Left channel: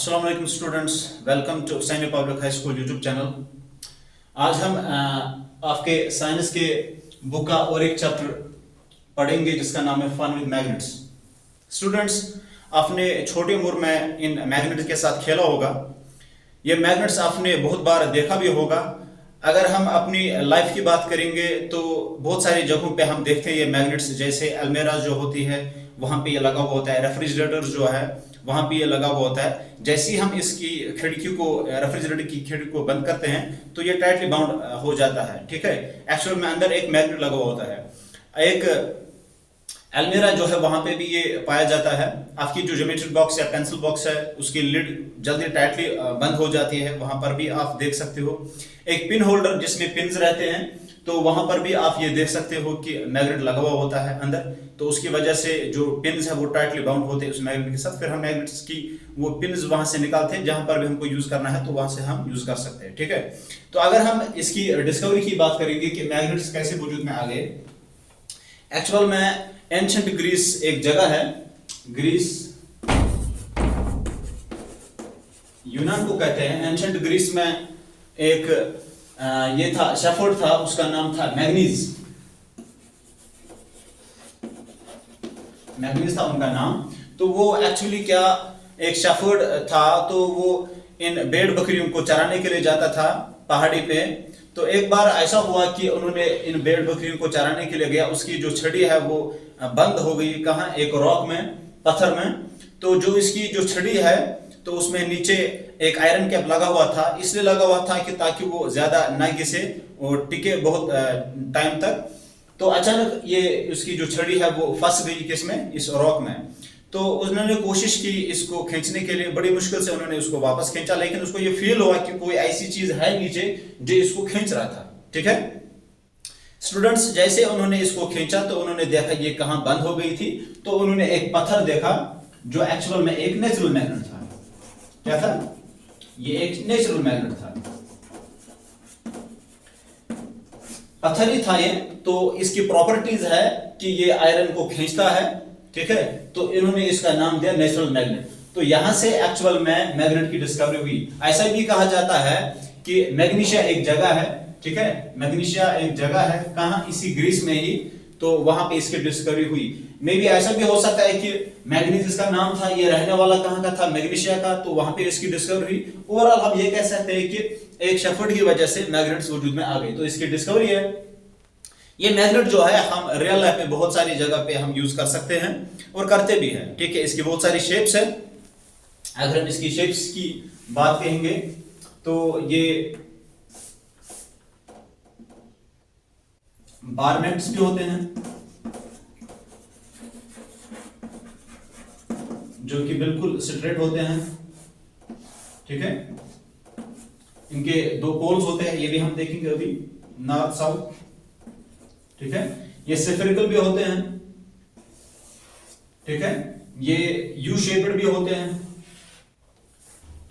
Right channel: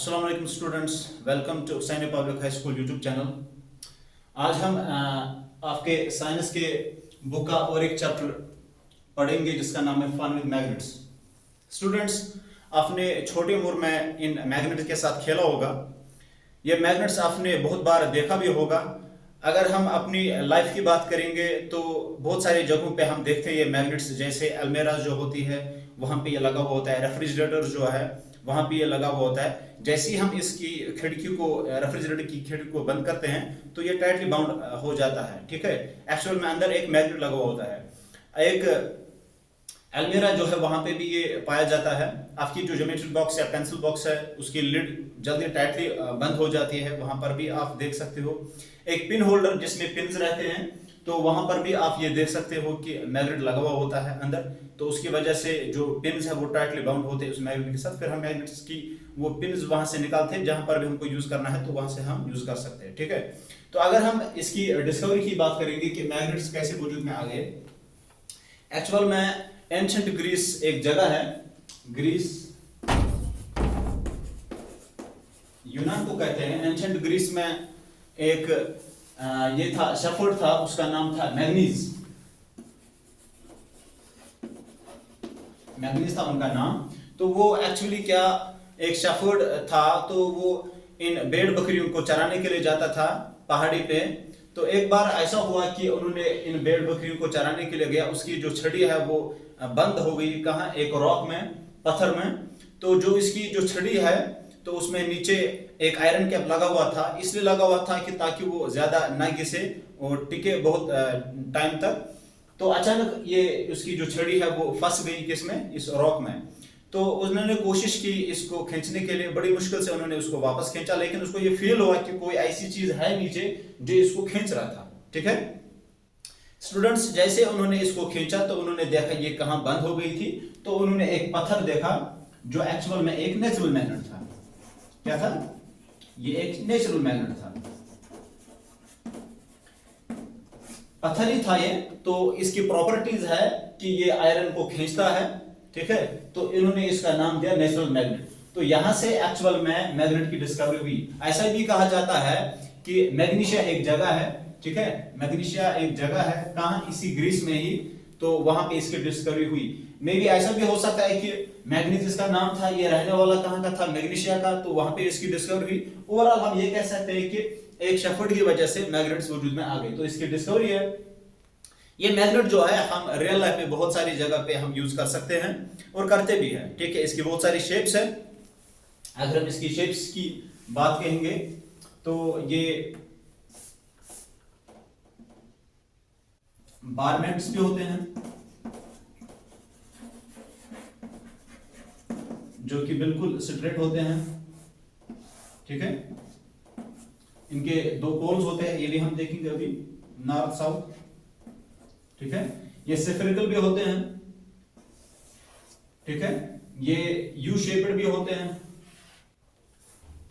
अस्सलाम वालेकुम students, welcome to सैन्य public high school YouTube channel. आज हम आपके साइंस के बुक का और एक चैप्टर पढ़ेंगे जिसका नाम है फन विद मैग्नेट्स। स्टूडेंट्स, आपने छोटी उम्र में इन मैग्नेट्स के साथ खेला होगा। ये मैग्नेट्स आपने बहुत बार देखा भी होगा। अगर हम अपनी लाइफ की बात करेंगे तो बहुत सारी जगहों पे हम देखते हैं ये मैग्नेट्स, जैसे अलमेरा जो होती है वहाँ पे ये लगा हुआ होता है, रेफ्रिजरेटर जो है वहाँ पे ये लगा हुआ होता है। जैसे ही हम इसकी खिड़की को, रेफ्रिजरेटर की खिड़की को बंद करते हैं तो ये टाइटली बाउंड हो जाता है। ठीक है, एक्चुअल में अंदर एक मैग्नेट लगा हुआ होता है। एक अलमीरा जो है वहां पे भी ये पाया जाता है। आपकी जो ज्योमेट्री बॉक्स या पेंसिल बॉक्स है उसकी लिड जल्दी टाइटली बंद हो जाती है, वहां पर भी आप देख सकते हो। एक पिन होल्डर जिसमें पिन्स रहते हैं तो वहां पर भी आप ये देख सकते हो कि मैग्नेट लगा हुआ होता है अंदर, तो उसकी वजह से जो पिन्स है वो टाइटली बाउंड होते हैं उस मैग्नेट के साथ। फिर हम मैग्नेट्स की वो पिन्स वहां से निकालते हैं, जहां पर भी हमको यूज करना है तो वहां से हम यूज कर सकते हैं। ठीक है, तो अगर हम इसकी डिस्कवरी की बात करेंगे कि मैग्नेट्स कैसे वजूद में आ गए। एक्चुअल में एंशिएंट ग्रीस एक जगह है, ग्रीस यूनान को कहते हैं। एंशिएंट ग्रीस में एक ये था, शेफर्ड था, उसका नाम था मैग्नीज। मैग्नीज था उनका नाम। तो वो एक्चुअली क्या, एक शेफर्ड था, तो वो इन भेड़ बकरियों को चराने के लिए जाता था पहाड़ी पे। तो एक बार ऐसा हुआ कि उन्होंने इन भेड़ बकरियों को चराने के लिए गया, उसकी जो छड़ी है वो बंद हो गई। कहाँ? एक रॉक में, पत्थर में। तो जो इसकी जो छड़ी है तो उसमें नीचे एक आयरन कैप लगा हुआ था, इसलिए लगा हुआ था कि ताकि वो ज्यादा ना घिसे, वो टिके बहुत टाइम तक। तो अचानक ये उसकी जो छड़ी है वो फंस गई किसमें? इस रॉक में। तो उन्होंने कोशिश की इसको खींचने के लिए, बड़ी मुश्किल से उन्होंने उसको वापस खींचा, लेकिन उसको ये फील हुआ कि कोई ऐसी चीज है नीचे जो इसको खींच रहा था। ठीक है स्टूडेंट्स, जैसे उन्होंने इसको खींचा तो उन्होंने देखा ये कहां बंद हो गई थी। तो उन्होंने एक पत्थर देखा जो एक्चुअल में एक नेचुरल मैग्नेट था। क्या था? ये एक नेचुरल मैग्नेट था, पत्थर ही था ये। तो इसकी प्रॉपर्टीज है कि ये आयरन को खींचता है। ठीक है, तो इन्होंने इसका नाम दिया नेचुरल मैग्नेट। तो यहां से एक्चुअल में मैग्नेट की डिस्कवरी हुई। ऐसा भी कहा जाता है कि मैग्नीशिया एक जगह है। ठीक है, मैग्नीशिया एक जगह है, कहां? इसी ग्रीस में ही। तो वहां पे इसकी डिस्कवरी हुई। मे भी ऐसा भी हो सकता है कि मैग्नीज इसका नाम था, ये रहने वाला कहां का था? मैग्नीशिया का। तो वहां पे इसकी डिस्कवरी हुई। ओवरऑल हम ये कह सकते हैं कि एक शेफर्ड की वजह से मैग्नेट्स वजूद में आ गई, तो इसकी डिस्कवरी है। ये मैग्नेट जो है हम रियल लाइफ में बहुत सारी जगह पे हम यूज कर सकते हैं और करते भी हैं। ठीक है, इसकी बहुत सारी शेप्स है। अगर हम इसकी शेप्स की बात कहेंगे तो ये बार मैग्नेट्स भी होते हैं जो कि बिल्कुल स्ट्रेट होते हैं। ठीक है, इनके दो पोल्स होते हैं, ये भी हम देखेंगे अभी, नॉर्थ साउथ। ठीक है, ये सिफेरिकल भी होते हैं। ठीक है, ये यू शेप्ड भी होते हैं।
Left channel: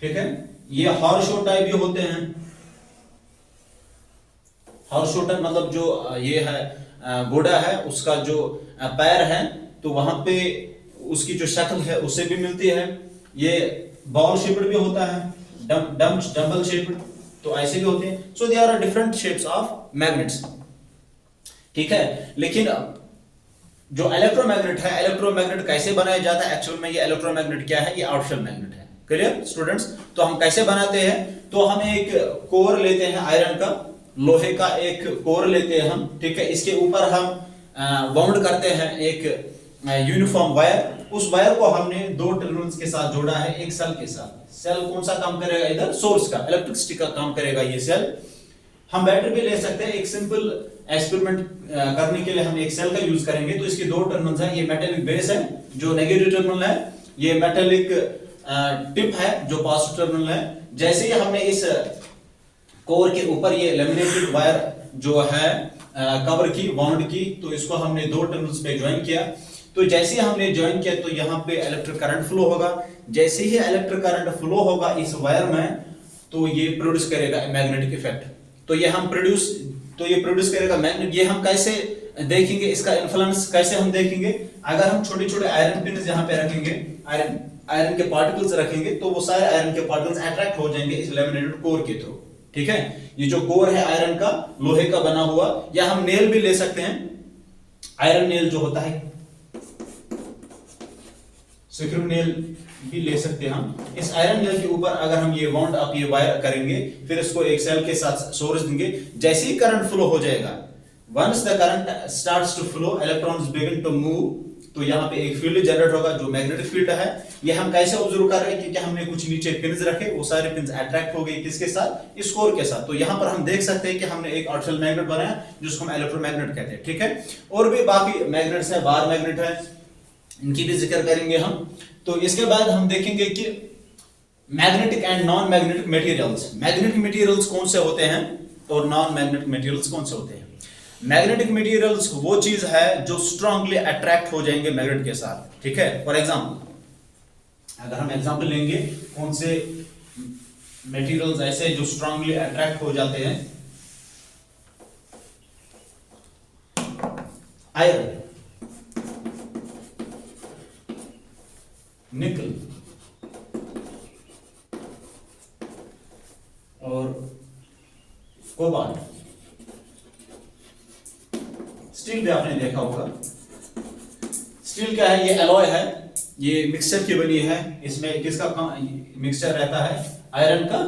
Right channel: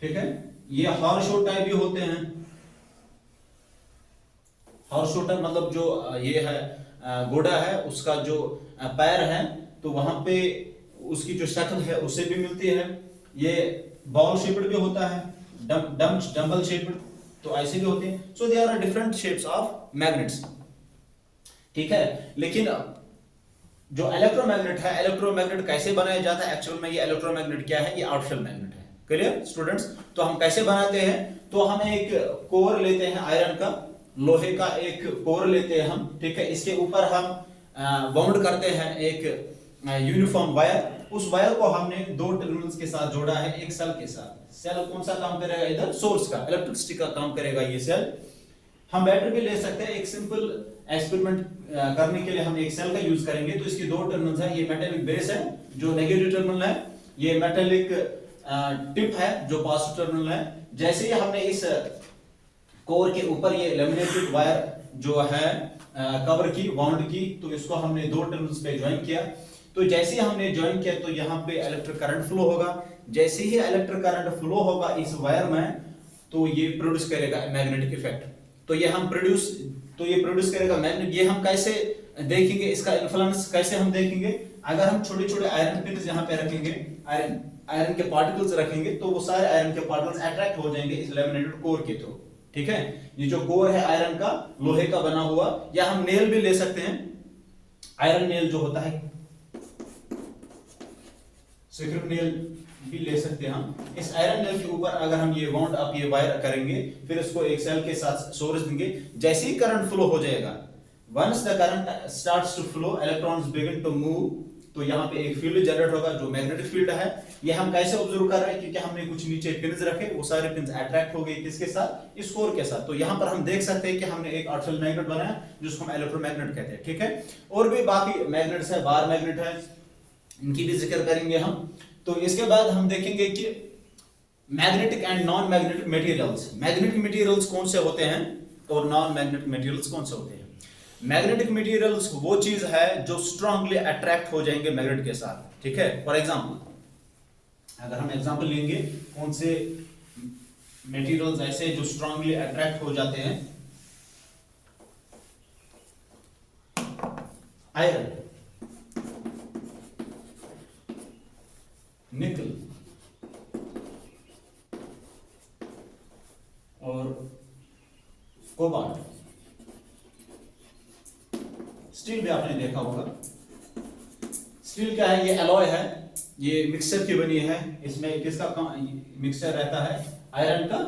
ठीक है, ये हॉर्स टाइप भी होते हैं। हॉर्स टाइप मतलब जो ये है घोड़ा है, उसका जो पैर है तो वहां पे उसकी जो शक्ल है उससे भी मिलती है। ये बॉल शेप्ड भी होता है, डम्बल शेप्ड, तो ऐसे भी होते हैं। So they are different shapes of magnets. ठीक है, लेकिन जो इलेक्ट्रोमैग्नेट है, इलेक्ट्रोमैग्नेट कैसे बनाया जाता है? एक्चुअल में ये इलेक्ट्रोमैग्नेट क्या है? ये आर्टिफिशियल मैग्नेट है। Clear students? तो हम कैसे बनाते हैं? तो हम एक कोर लेते हैं आयरन का, लोहे का एक कोर लेते हैं हम। ठीक है, इसके ऊपर हम वाउंड करते हैं एक यूनिफॉर्म वायर। उस वायर को हमने दो टर्मिनल्स के साथ जोड़ा है, एक सेल के साथ। सेल कौन सा काम करेगा? इधर सोर्स का, इलेक्ट्रिसिटी का काम करेगा ये सेल। हम बैटरी भी ले सकते हैं। एक सिंपल एक्सपेरिमेंट करने के लिए हम एक सेल का यूज करेंगे। तो इसके दो टर्मिनल्स हैं, ये मेटेलिक बेस है जो नेगेटिव टर्मिनल है, ये मेटेलिक टिप है जो पॉजिटिव टर्मिनल है। जैसे ही हमने इस कोर के ऊपर ये लेमिनेटेड वायर जो है कवर की, वाउंड की, तो इसको हमने दो टर्मिनल्स पे ज्वाइन किया। तो जैसे ही हमने ज्वाइन किया तो यहाँ पे इलेक्ट्रिक करंट फ्लो होगा। जैसे ही इलेक्ट्रिक करंट फ्लो होगा इस वायर में तो ये प्रोड्यूस करेगा मैग्नेटिक इफेक्ट। तो ये प्रोड्यूस करेगा मैग्नेट। ये हम कैसे देखेंगे, इसका इन्फ्लुएंस कैसे हम देखेंगे? अगर हम छोटे छोटे आयरन पिन यहाँ पे रखेंगे, आयरन के पार्टिकल्स रखेंगे तो वो सारे आयरन के पार्टिकल्स अट्रैक्ट हो जाएंगे इस लैमिनेटेड कोर के थ्रू। ठीक है, ये जो कोर है आयरन का, लोहे का बना हुआ, या हम नेल भी ले सकते हैं, आयरन नेल जो होता है, सिक्रू नेल भी ले सकते हैं हम। इस आयरन नेल के ऊपर अगर हम ये वाउंड अप ये वायर करेंगे, फिर इसको एक सेल के साथ सोर्स देंगे, जैसे ही करंट फ्लो हो जाएगा, once the current starts to flow, electrons begin to move, तो यहाँ पे एक फील्ड जनरेट होगा जो मैग्नेटिक फील्ड है। ये हम कैसे ऑब्जर्व कर रहे हैं, क्योंकि हमने कुछ नीचे पिन्स रखे, वो सारे पिन्स अट्रैक्ट हो गए किसके साथ, इस कोर के साथ। तो यहाँ पर हम देख सकते हैं कि हमने एक आर्टिफिशियल मैग्नेट बनाया जिसको हम इलेक्ट्रोमैग्नेट कहते हैं। ठीक है, और भी बाकी मैग्नेट्स है, बार मैग्नेट है, इनकी भी जिक्र करेंगे हम। तो इसके बाद हम देखेंगे कि magnetic and non magnetic materials, magnetic materials कौन से होते हैं और नॉन मैग्नेटिक मटेरियल्स कौन से होते हैं। मैग्नेटिक मटेरियल्स वो चीज है जो स्ट्रांगली अट्रैक्ट हो जाएंगे मैग्नेट के साथ। ठीक है, फॉर एग्जांपल अगर हम एग्जांपल लेंगे कौन से मटेरियल्स ऐसे जो स्ट्रांगली अट्रैक्ट हो जाते हैं, आयरन, निकल और कोबाल्ट। स्टील भी आपने देखा होगा, स्टील क्या है, ये एलॉय है, ये मिक्सचर की बनी है, इसमें किसका मिक्सचर रहता है, आयरन का।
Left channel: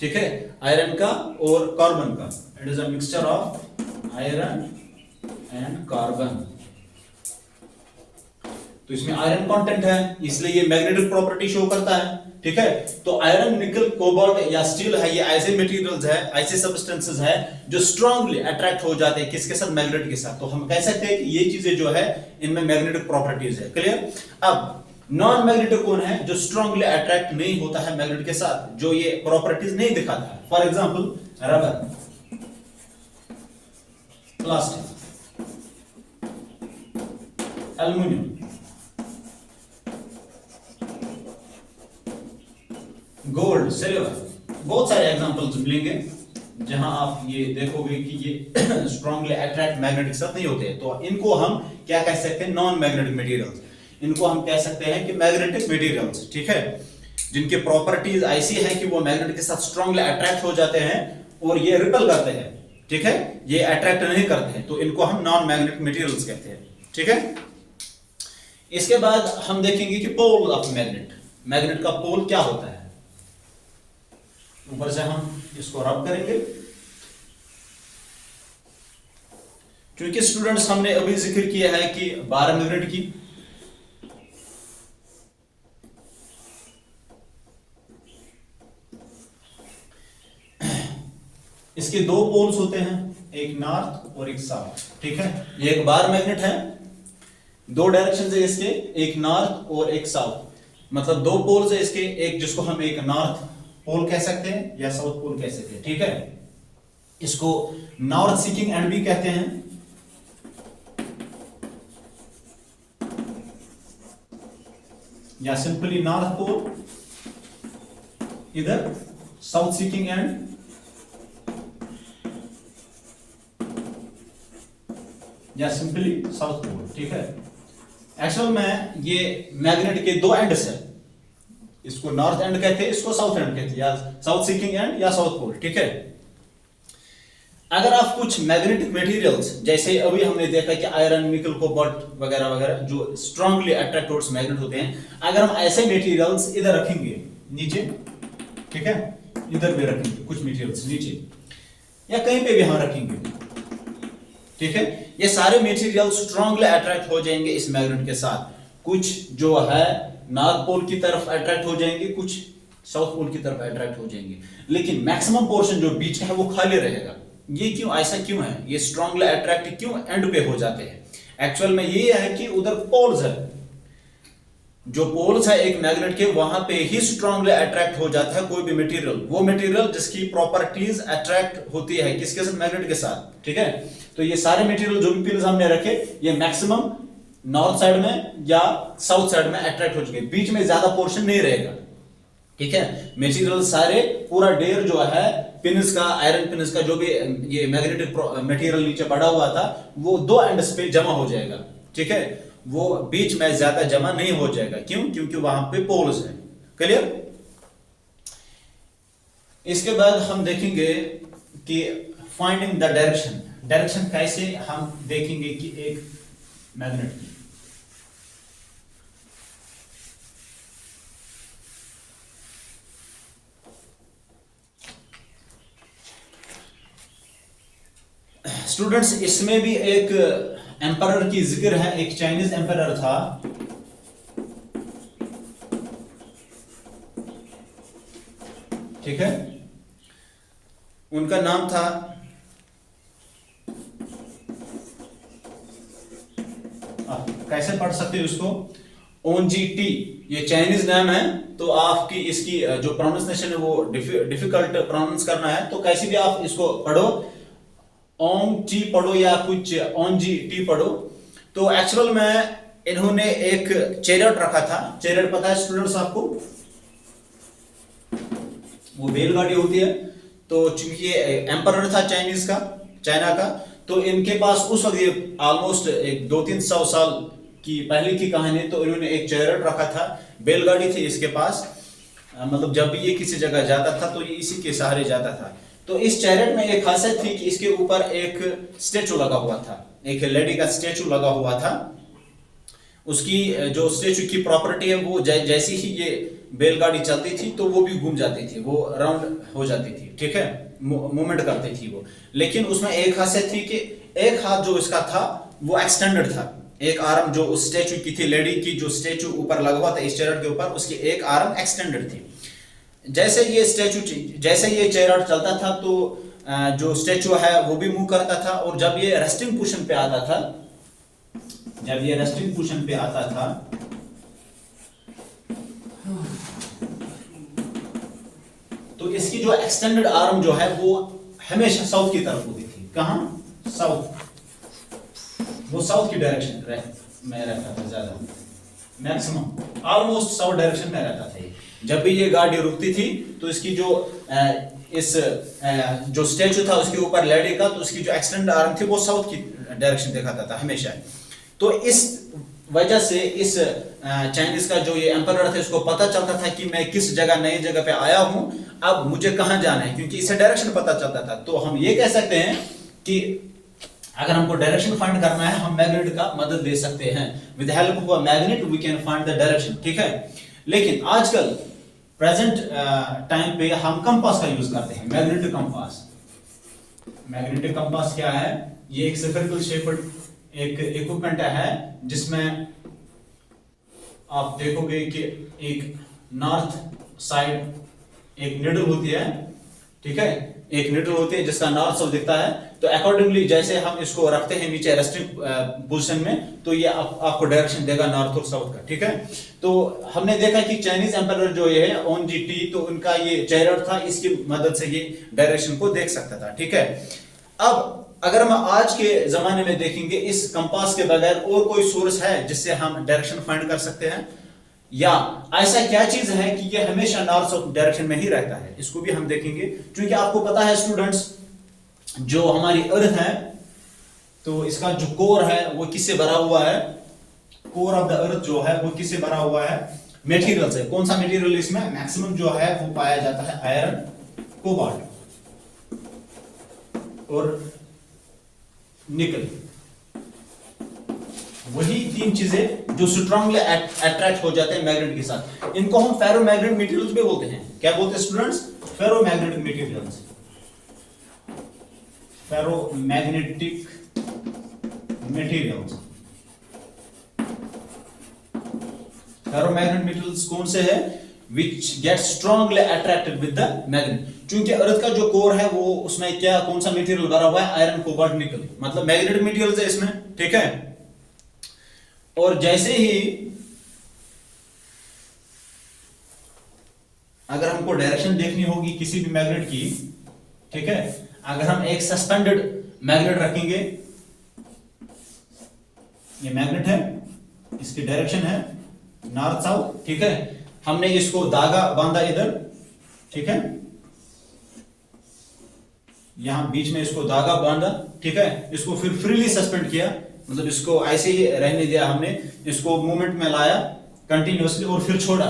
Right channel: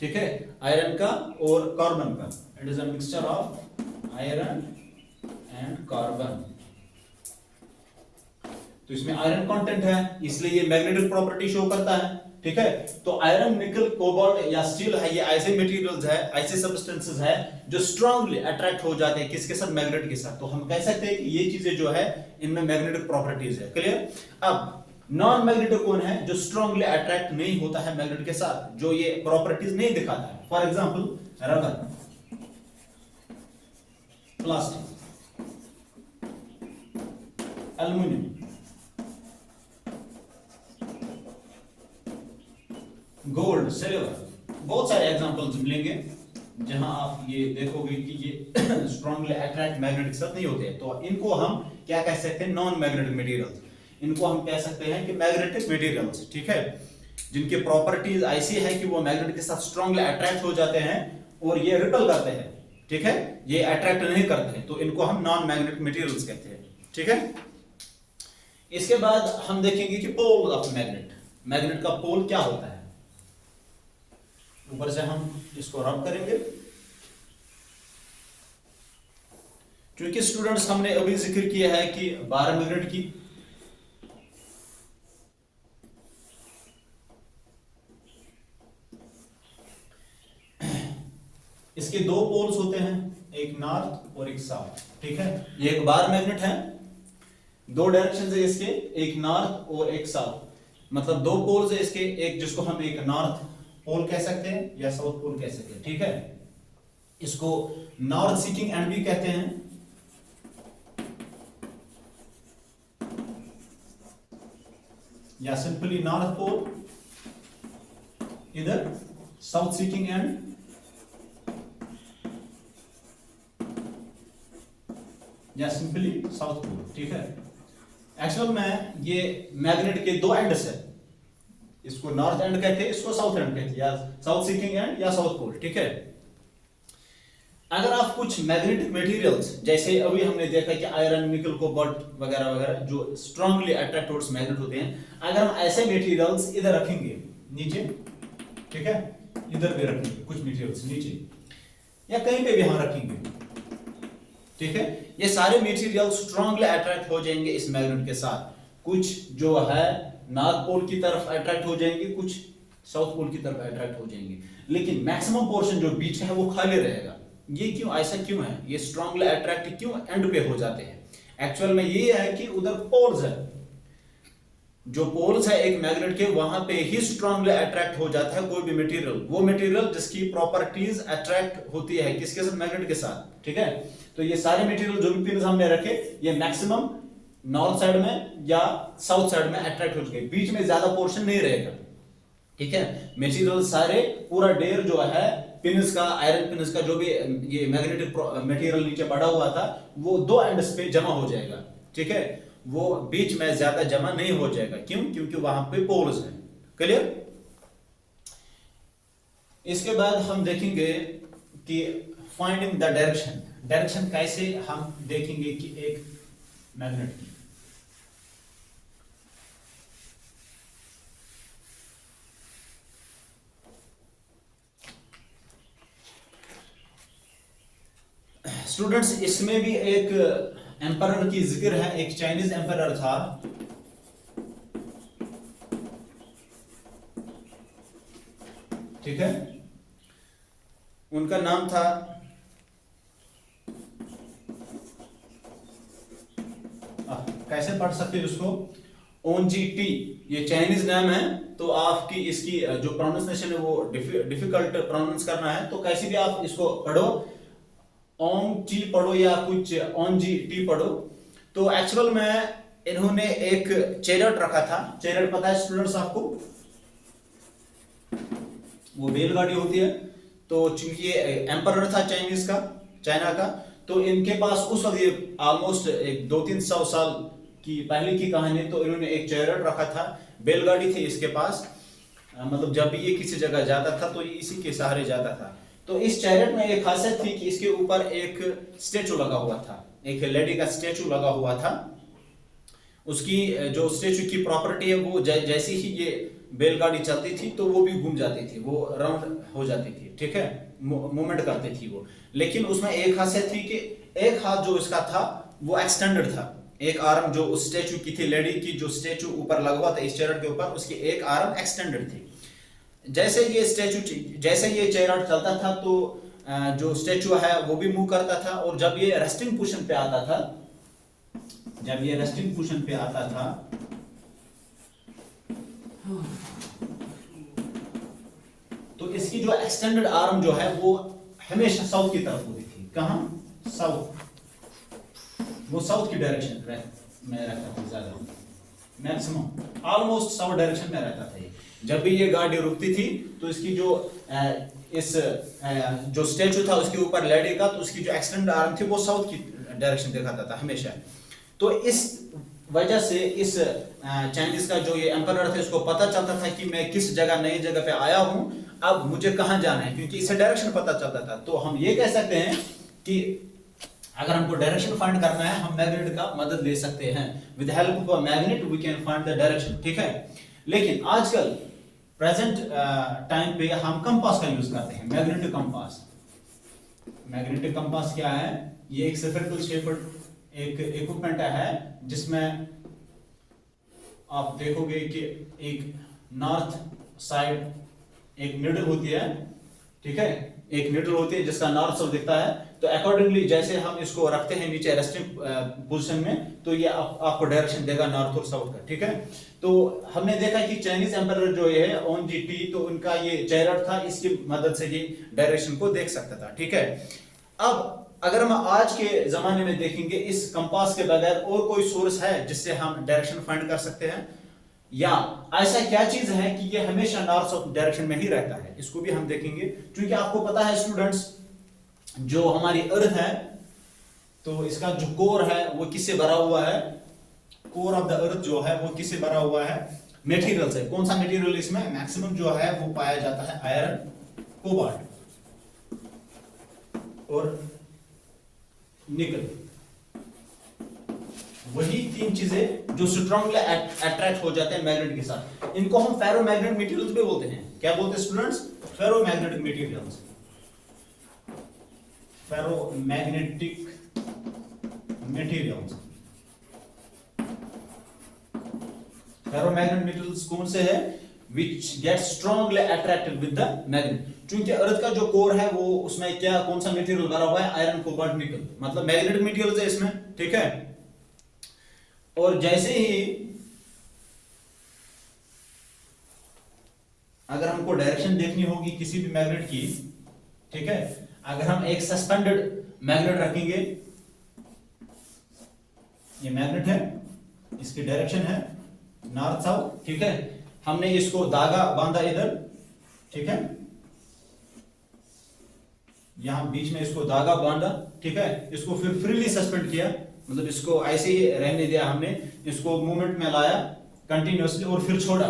ठीक है, आयरन का और कार्बन का, it is a mixture of iron and carbon. तो इसमें आयरन कंटेंट है, इसलिए ये मैग्नेटिक प्रॉपर्टी शो करता है। ठीक है, तो आयरन, निकल, कोबाल्ट या स्टील है, ये ऐसे मटेरियल्स है, ऐसे सब्सटेंसेस है जो स्ट्रांगली अट्रैक्ट हो जाते हैं किसके साथ, मैग्नेट के साथ। तो हम कह सकते हैं कि ये चीजें जो है इनमें मैग्नेटिक प्रॉपर्टीज है। क्लियर। अब नॉन मैग्नेटिक कौन है, जो स्ट्रांगली अट्रैक्ट नहीं होता है मैग्नेट के साथ, जो ये प्रॉपर्टीज नहीं दिखाता है। For example rubber, plastic, aluminium, gold, silver, बहुत सारे एग्जांपल्स मिलेंगे जहां आप ये देखोगे कि ये स्ट्रांगली अट्रैक्ट मैग्नेट के साथ नहीं होते हैं। तो इनको हम क्या कह सकते हैं, नॉन मैग्नेटिक मटेरियल्स। इनको हम कह सकते हैं कि मैग्नेटिक मटेरियल्स। ठीक है, जिनकी प्रॉपर्टीज ऐसी है कि वो मैग्नेट के साथ स्ट्रांगली अट्रैक्ट हो जाते हैं और ये रिपल करते हैं। ठीक है, ये अट्रैक्ट नहीं करते हैं, तो इनको हम नॉन मैग्नेटिक मटेरियल्स कहते हैं। ठीक है, इसके बाद हम देखेंगे कि पोल ऑफ मैग्नेट, मैग्नेट का पोल क्या होता है। ऊपर से हम इसको रब करेंगे, क्योंकि स्टूडेंट्स हमने अभी जिक्र किया है कि 12 मैग्नेट की, इसके दो पोल्स होते हैं, एक नॉर्थ और एक साउथ। ठीक है, ये एक बार मैग्नेट है, दो डायरेक्शन है इसके, एक नॉर्थ और एक साउथ, मतलब दो पोल्स है इसके, एक जिसको हम एक नॉर्थ पोल कह सकते हैं या साउथ पोल कह सकते हैं। ठीक है, इसको नॉर्थ सीकिंग एंड भी कहते हैं, या सिंपली नॉर्थ पोल, इधर साउथ सीकिंग एंड, या सिंपली साउथ पोल। ठीक है, एक्चुअल में ये मैग्नेट के दो एंड्स है, इसको नॉर्थ एंड कहते हैं, इसको साउथ एंड कहते हैं, या साउथ सीकिंग एंड या साउथ पोल। ठीक है, अगर आप कुछ मैग्नेटिक मटेरियल्स जैसे अभी हमने देखा कि आयरन, निकल, कोबाल्ट वगैरह वगैरह जो स्ट्रांगली अट्रैक्ट टुवर्ड्स मैग्नेट होते हैं, अगर हम ऐसे मटेरियल्स इधर रखेंगे नीचे, ठीक है, इधर भी रखेंगे कुछ मटेरियल्स नीचे या कहीं पे भी हम रखेंगे, ठीक है, ये सारे मटेरियल्स स्ट्रांगली अट्रैक्ट हो जाएंगे इस मैग्नेट के साथ। कुछ जो है नॉर्थ पोल की तरफ अट्रैक्ट हो जाएंगे, कुछ साउथ पोल की तरफ अट्रैक्ट हो जाएंगे, लेकिन मैक्सिमम पोर्शन जो बीच है वो खाली रहेगा। ये क्यों, ऐसा क्यों है, ये स्ट्रांगली अट्रैक्ट क्यों एंड पे हो जाते हैं। एक्चुअल में ये है कि उधर पोल्स है, जो पोल्स है एक मैग्नेट के, वहां पे ही स्ट्रांगली अट्रैक्ट हो जाता है कोई भी मटेरियल, वो मटेरियल जिसकी प्रॉपर्टीज अट्रैक्ट होती है किसके साथ, मैग्नेट के साथ। ठीक है, तो ये सारे मटेरियल जो भी पिन हमने रखे, ये मैक्सिमम नॉर्थ साइड में या साउथ साइड में अट्रैक्ट हो चुके, बीच में ज्यादा पोर्शन नहीं रहेगा। ठीक है, मटेरियल सारे पूरा ढेर जो है पिन्स का, आयरन पिन्स का, जो भी ये मैग्नेटिक मटेरियल नीचे पड़ा हुआ था, वो दो एंड्स पे जमा हो जाएगा। ठीक है, वो बीच में ज्यादा जमा नहीं हो जाएगा। क्यों? क्योंकि वहां पे पोल्स हैं। क्लियर? इसके बाद हम देखेंगे कि फाइंडिंग द डायरेक्शन। डायरेक्शन कैसे हम देखेंगे कि एक मैग्नेट की। स्टूडेंट्स, इसमें भी एक एम्परर की जिक्र है। एक चाइनीज एम्परर था, ठीक है, उनका नाम था कैसे पढ़ सकते हो इसको, ओनजीटी। ये चाइनीज नाम है, तो आपकी इसकी जो प्रोनाउंसिएशन है वो डिफिकल्ट प्रोनाउंस करना है, तो कैसे भी आप इसको पढ़ो, ओम टी पढ़ो या कुछ ओन जी टी पढ़ो। तो एक्चुअल में इन्होंने एक चैरियट रखा था। चैरियट पता है स्टूडेंट्स आपको? वो बैलगाड़ी होती है। तो चूंकि ये एम्परर था चाइनीज का, चाइना का, तो इनके पास उस वक्त, ये ऑलमोस्ट एक 200-300 साल की पहले की कहानी, तो इन्होंने एक चैरियट रखा था, बैलगाड़ी थी इसके पास। मतलब जब भी ये किसी जगह जाता था तो ये इसी के सहारे जाता था। तो इस चैरियट में एक खासियत थी कि इसके ऊपर एक स्टेचू लगा हुआ था, एक लेडी का स्टेचू लगा हुआ था। उसकी जो स्टेचू की प्रॉपर्टी है, वो जैसी ही ये बैलगाड़ी चलती थी तो वो भी घूम जाती थी, वो राउंड हो जाती थी, ठीक है, मूवमेंट करती थी वो। लेकिन उसमें एक खासियत थी कि एक हाथ जो इसका था वो एक्सटेंडेड था। एक आर्म जो उस स्टेचू की थी, लेडी की जो स्टेचू ऊपर लगा हुआ था इस चैरियट के ऊपर, उसकी एक आर्म एक्सटेंडेड थी। जैसे ये चैरियट चलता था तो जो स्टेचू है वो भी मूव करता था। और जब ये रेस्टिंग पोजीशन पे आता था, तो इसकी जो एक्सटेंडेड आर्म जो है वो हमेशा साउथ की तरफ होती थी। कहां? साउथ। वो साउथ की डायरेक्शन में रहता था ज्यादा, मैक्सिमम ऑलमोस्ट साउथ डायरेक्शन में रहता था ये। जब भी ये गाड़ी रुकती थी तो इसकी जो जो स्टेचू था उसके ऊपर लेडी का, तो उसकी जो एक्सटेंड आर्म थी वो साउथ की डायरेक्शन दिखाता था हमेशा। तो इस वजह से इस चाइनीज का जो ये एम्परर था, इसको पता चलता था कि मैं किस जगह, नई जगह पे आया हूं, अब मुझे कहां जाना है, क्योंकि इससे डायरेक्शन पता चलता था। तो हम ये कह सकते हैं कि अगर हमको डायरेक्शन फाइंड करना है, हम मैग्नेट का मदद ले सकते हैं। With help of a magnet we can find the direction, ठीक है। लेकिन आजकल प्रेजेंट टाइम पे हम कंपास का यूज करते हैं, मैग्नेटिक कंपास। मैग्नेटिक कंपास क्या है? ये एक स्फेरिकल शेप्ड एक इक्विपमेंट है, जिसमें आप देखोगे कि एक नॉर्थ साइड एक निडल होती है, ठीक है, एक निडल होती है जिसका नॉर्थ साउथ दिखता है। तो अकॉर्डिंगली जैसे हम इसको रखते हैं नीचे रेस्टिंग पोजीशन में, तो ये आपको डायरेक्शन देगा नॉर्थ और साउथ का, ठीक है। तो हमने देखा कि चाइनीज एम्परर जो ये है ओन जी टी, तो उनका ये चैरियट था, इसकी मदद से ये डायरेक्शन को देख सकता था, ठीक है। अब अगर हम आज के जमाने में देखेंगे, इस कंपास के बगैर और कोई सोर्स है जिससे हम डायरेक्शन फाइंड कर सकते हैं, या ऐसा क्या चीज है कि ये हमेशा नॉर्थ साउथ डायरेक्शन में ही रहता है, इसको भी हम देखेंगे। क्योंकि आपको पता है स्टूडेंट्स, जो हमारी अर्थ है, तो इसका जो कोर है वो किससे भरा हुआ है? कोर ऑफ द अर्थ जो है वो किससे भरा हुआ है? मटेरियल से। कौन सा मटेरियल इसमें मैक्सिमम जो है वो पाया जाता है? आयरन, कोबाल्ट और निकल। वही तीन चीजें जो स्ट्रांगली अट्रैक्ट हो जाते हैं मैग्नेट के साथ। इनको हम फेरोमैग्नेटिक मटेरियल्स भी बोलते हैं। क्या बोलते हैं students? Ferromagnetic materials. Ferromagnetic materials. Ferromagnetic materials कौन से है? Which get strongly attracted with the magnet। चूंकि अर्थ का जो कोर है वो, उसमें क्या, कौन सा मटेरियल भरा हुआ है? आयरन, कोबाल्ट, निकल, मतलब मैग्नेटिक मटेरियल्स है इसमें, ठीक है। और जैसे ही अगर हमको डायरेक्शन देखनी होगी किसी भी मैग्नेट की, ठीक है, अगर हम एक सस्पेंडेड मैग्नेट रखेंगे, ये मैग्नेट है, इसकी डायरेक्शन है नॉर्थ साउथ, ठीक है, हमने इसको धागा बांधा इधर, ठीक है, यहां बीच में इसको धागा बांधा, ठीक है, इसको फिर फ्रीली सस्पेंड किया, मतलब इसको ऐसे ही रहने दिया हमने, इसको मूवमेंट में लाया कंटिन्यूअसली और फिर छोड़ा,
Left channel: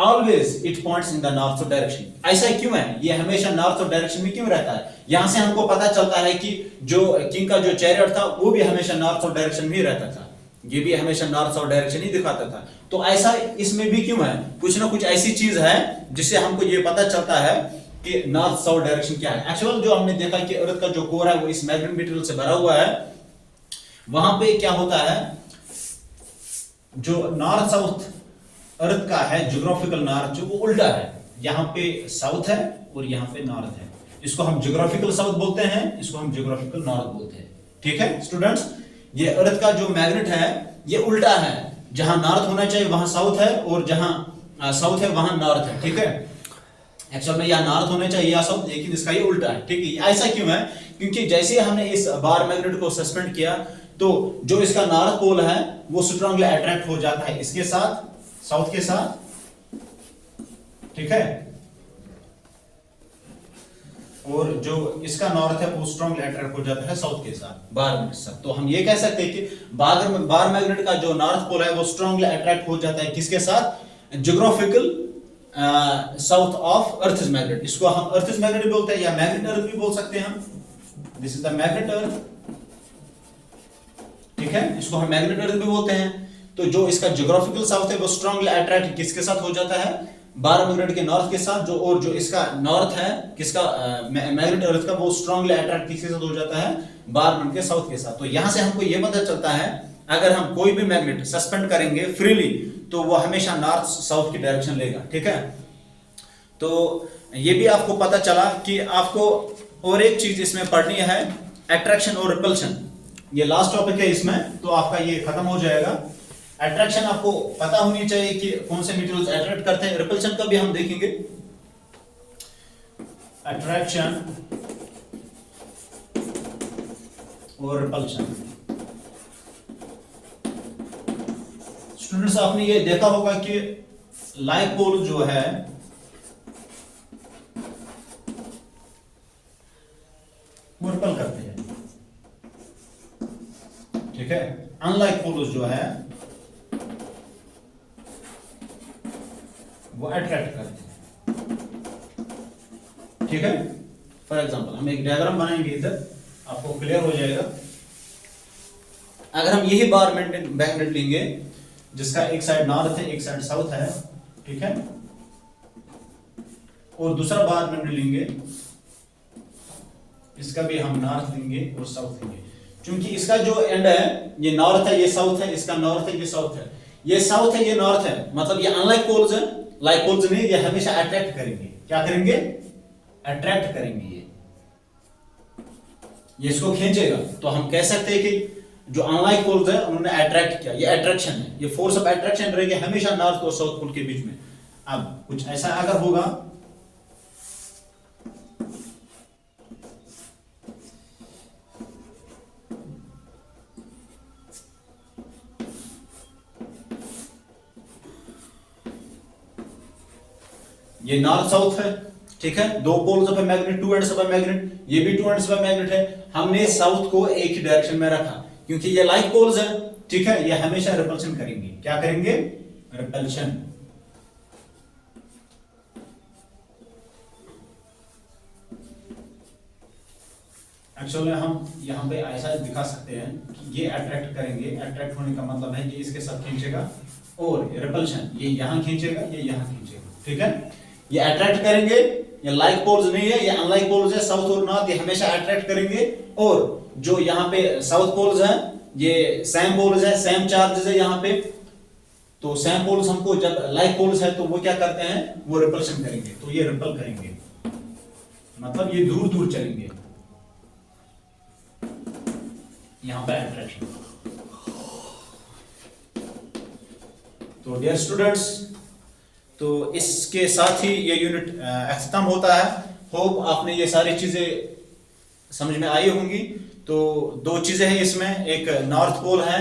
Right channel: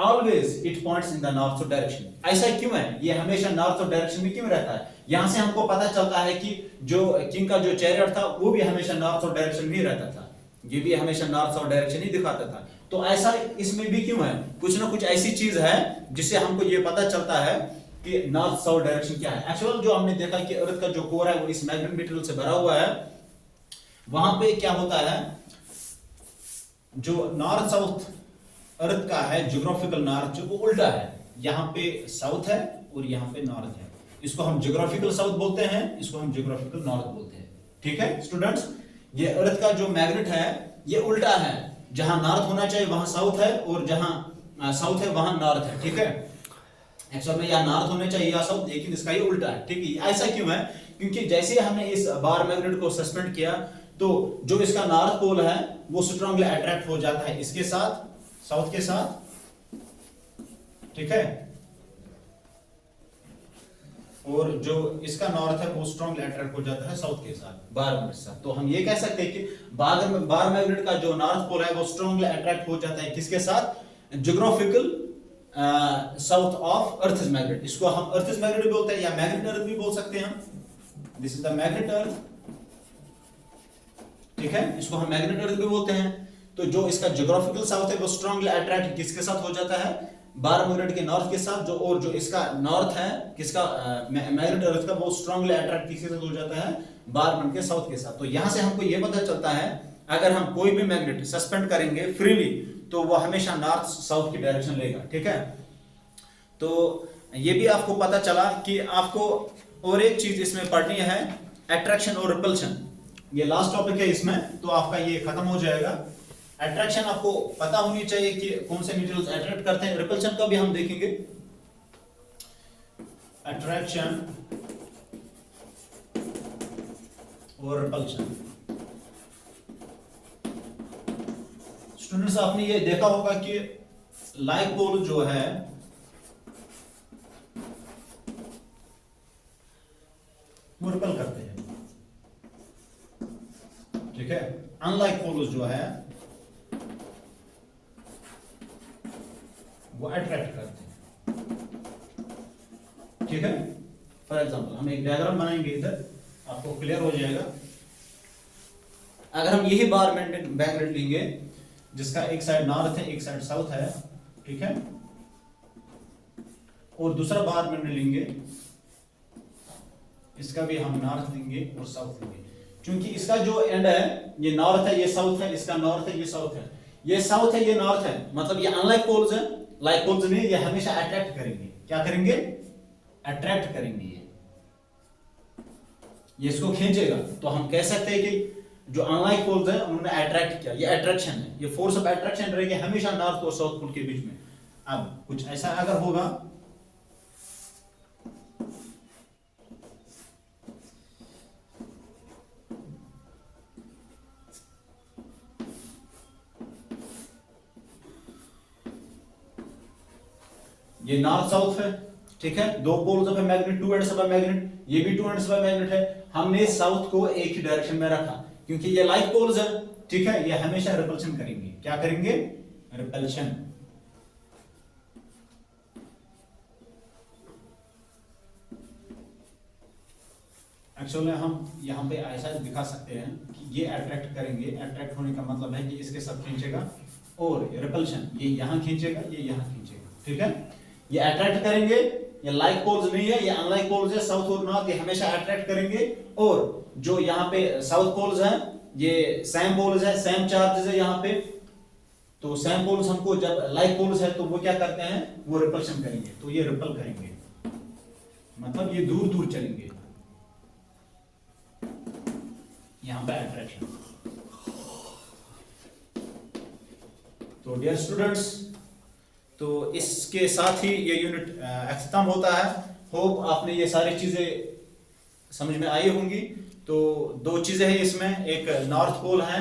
always it points in the north direction. ऐसा क्यों है, ये हमेशा नॉर्थ डायरेक्शन में क्यों रहता है? यहां से हमको पता चलता है कि जो किंग का जो चैरियट था वो भी हमेशा नॉर्थ डायरेक्शन में ही रहता था, ये भी हमेशा नॉर्थ साउथ डायरेक्शन ही दिखाता था। तो ऐसा इसमें भी क्यों है? कुछ ना कुछ ऐसी चीज है जिससे हमको ये पता चलता है कि नॉर्थ साउथ डायरेक्शन क्या है। एक्चुअल जो हमने देखा कि अर्थ का जो कोर है वो इस मैग्नेटिक मटेरियल से भरा हुआ है, वहां पे क्या होता है, जो नॉर्थ साउथ अर्थ का है ज्योग्राफिकल नॉर्थ जो वो उल्टा है, यहाँ पे साउथ है और यहाँ पे नॉर्थ है, इसको हम ज्योग्राफिकल साउथ बोलते हैं, इसको हम ज्योग्राफिकल नॉर्थ बोलते हैं। ठीक है स्टूडेंट्स, ये अर्थ का जो मैग्नेट है ये उल्टा है, जहां नॉर्थ होना चाहिए वहां साउथ है और जहां साउथ है वहां नॉर्थ है। ठीक है, एक्चुअल में यहाँ नॉर्थ होना चाहिए या साउथ, लेकिन इसका ये उल्टा है। ठीक है, ऐसा क्यों है? क्योंकि जैसे हमने इस बार मैग्नेट को सस्पेंड किया तो जो इसका नॉर्थ पोल है वो स्ट्रांगली अट्रैक्ट हो जाता है इसके साथ, साउथ के साथ। ठीक है, और जो इसका नॉर्थ है वो स्ट्रांगली अट्रैक्ट हो जाता है साउथ के साथ, बार मैग्नेट के साथ। तो हम ये कह सकते हैं कि बार मैग्नेट का जो नॉर्थ पोल है वो स्ट्रांगली अट्रैक्ट हो जाता है किसके साथ? Geographical south of earth magnet. इसको हम अर्थ मैग्नेट भी बोलते हैं या मैग्नेट अर्थ भी बोल सकते हैं हम, दिस इज द मैग्नेट अर्थ। ठीक है, इसको हम मैग्नेट अर्थ भी बोलते हैं। तो जो इसका ज्योग्राफिकल साउथ है वो स्ट्रांगली अट्रैक्ट किसके साथ हो जाता है? बार मैग्नेट के नॉर्थ के साथ। जो और जो इसका नॉर्थ है किसका मैग्नेट अर्थ का, वो स्ट्रांगली अट्रैक्ट किसके साथ हो जाता है? बार मैग्नेट के साउथ के साथ। तो यहां से हमको ये पता चलता है अगर हम कोई भी मैग्नेट सस्पेंड करेंगे फ्रीली तो वो हमेशा नॉर्थ साउथ की डायरेक्शन लेगा। ठीक है, तो ये भी आपको पता चला कि आपको और एक चीज इसमें पढ़नी है, अट्रैक्शन और रिपल्शन। ये लास्ट टॉपिक है इसमें, तो आपका ये खत्म हो जाएगा। अट्रैक्शन आपको पता होनी चाहिए कि कौन से मटेरियल्स अट्रैक्ट करते हैं, रिपल्शन का भी हम देखेंगे। अट्रैक्शन और रिपल्शन। स्टूडेंट्स आपने ये देखा होगा कि लाइक पोल जो है वो रिपल करते हैं। ठीक है, अनलाइक पोल्स जो है वो अट्रैक्ट करते हैं। ठीक है, फॉर एग्जांपल हम एक डायग्राम बनाएंगे, इधर आपको क्लियर हो जाएगा। अगर हम यही बार मैग्नेट लेंगे जिसका एक साइड नॉर्थ है एक साइड साउथ है, ठीक है, और दूसरा बार मैग्नेट लेंगे, इसका भी हम नॉर्थ लेंगे और साउथ लेंगे। क्योंकि इसका जो एंड है ये नॉर्थ है ये साउथ है, इसका नॉर्थ है ये साउथ है, ये साउथ है ये नॉर्थ है, मतलब ये अनलाइक पोल्स है, लाइक पोल्स नहीं, ये हमेशा अट्रैक्ट करेंगे। क्या करेंगे? अट्रैक्ट करेंगे। ये इसको खींचेगा। तो हम कह सकते हैं कि जो अनलाइक पोल्स है उन्होंने अट्रैक्ट किया, ये अट्रैक्शन है, ये फोर्स ऑफ अट्रैक्शन रहेगी हमेशा नॉर्थ और साउथ पोल के बीच में। अब कुछ ऐसा अगर होगा, ये नॉर्थ साउथ है, ठीक है, दो poles of magnet, two ends of magnet, ये भी टू एंड्स ऑफ मैग्नेट है। हमने साउथ को एक ही डायरेक्शन में रखा क्योंकि ये लाइक पोल्स है। ठीक है, ये हमेशा रिपल्शन करेंगे। क्या करेंगे? रिपल्शन। एक्चुअली हम यहाँ पे ऐसा दिखा सकते हैं कि ये अट्रैक्ट करेंगे, अट्रैक्ट होने का मतलब है कि इसके साथ खींचेगा, और रिपल्शन ये यहाँ खींचेगा, ये यहाँ खींचेगा। ठीक है, ये अट्रैक्ट करेंगे, ये लाइक पोल्स नहीं है, ये अनलाइक पोल्स है, साउथ और नॉर्थ, ये हमेशा अट्रैक्ट करेंगे। और जो यहाँ पे साउथ पोल्स है ये सेम पोल्स है, सेम चार्जेस है यहाँ पे, तो सेम पोल्स हमको जब लाइक पोल्स है तो वो क्या करते हैं? वो रिपल्शन करेंगे, तो ये रिपल करेंगे, मतलब ये दूर दूर चलेंगे। यहाँ पे अट्रैक्शन। तो डियर स्टूडेंट्स, तो इसके साथ ही ये यूनिट खत्म होता है। होप आपने ये सारी चीजें समझ में आई होंगी। तो दो चीजें हैं इसमें, एक नॉर्थ पोल है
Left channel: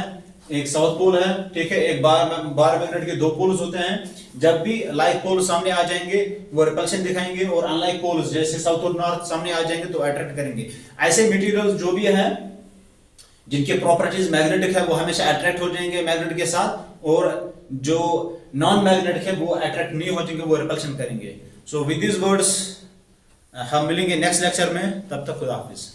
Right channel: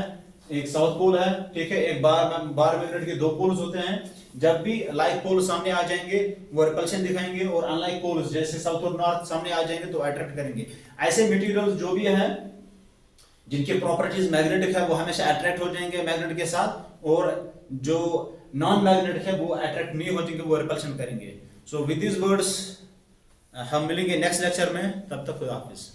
एक साउथ पोल है। ठीक है, एक बार मैग्नेट के दो पोल्स होते हैं। जब भी लाइक पोल सामने आ जाएंगे वो रिपल्शन दिखाएंगे, और अनलाइक पोल्स जैसे साउथ और नॉर्थ सामने आ जाएंगे तो अट्रैक्ट करेंगे। ऐसे मटेरियल्स जो भी है जिनके प्रॉपर्टीज मैग्नेटिक है वो हमेशा अट्रैक्ट हो जाएंगे मैग्नेट के साथ, और जो नॉन मैग्नेटिक है वो अट्रैक्ट नहीं हो जाएंगे, वो रिपल्शन करेंगे। सो विद दिस वर्ड्स हम मिलेंगे नेक्स्ट लेक्चर में, तब तक खुदा हाफिज।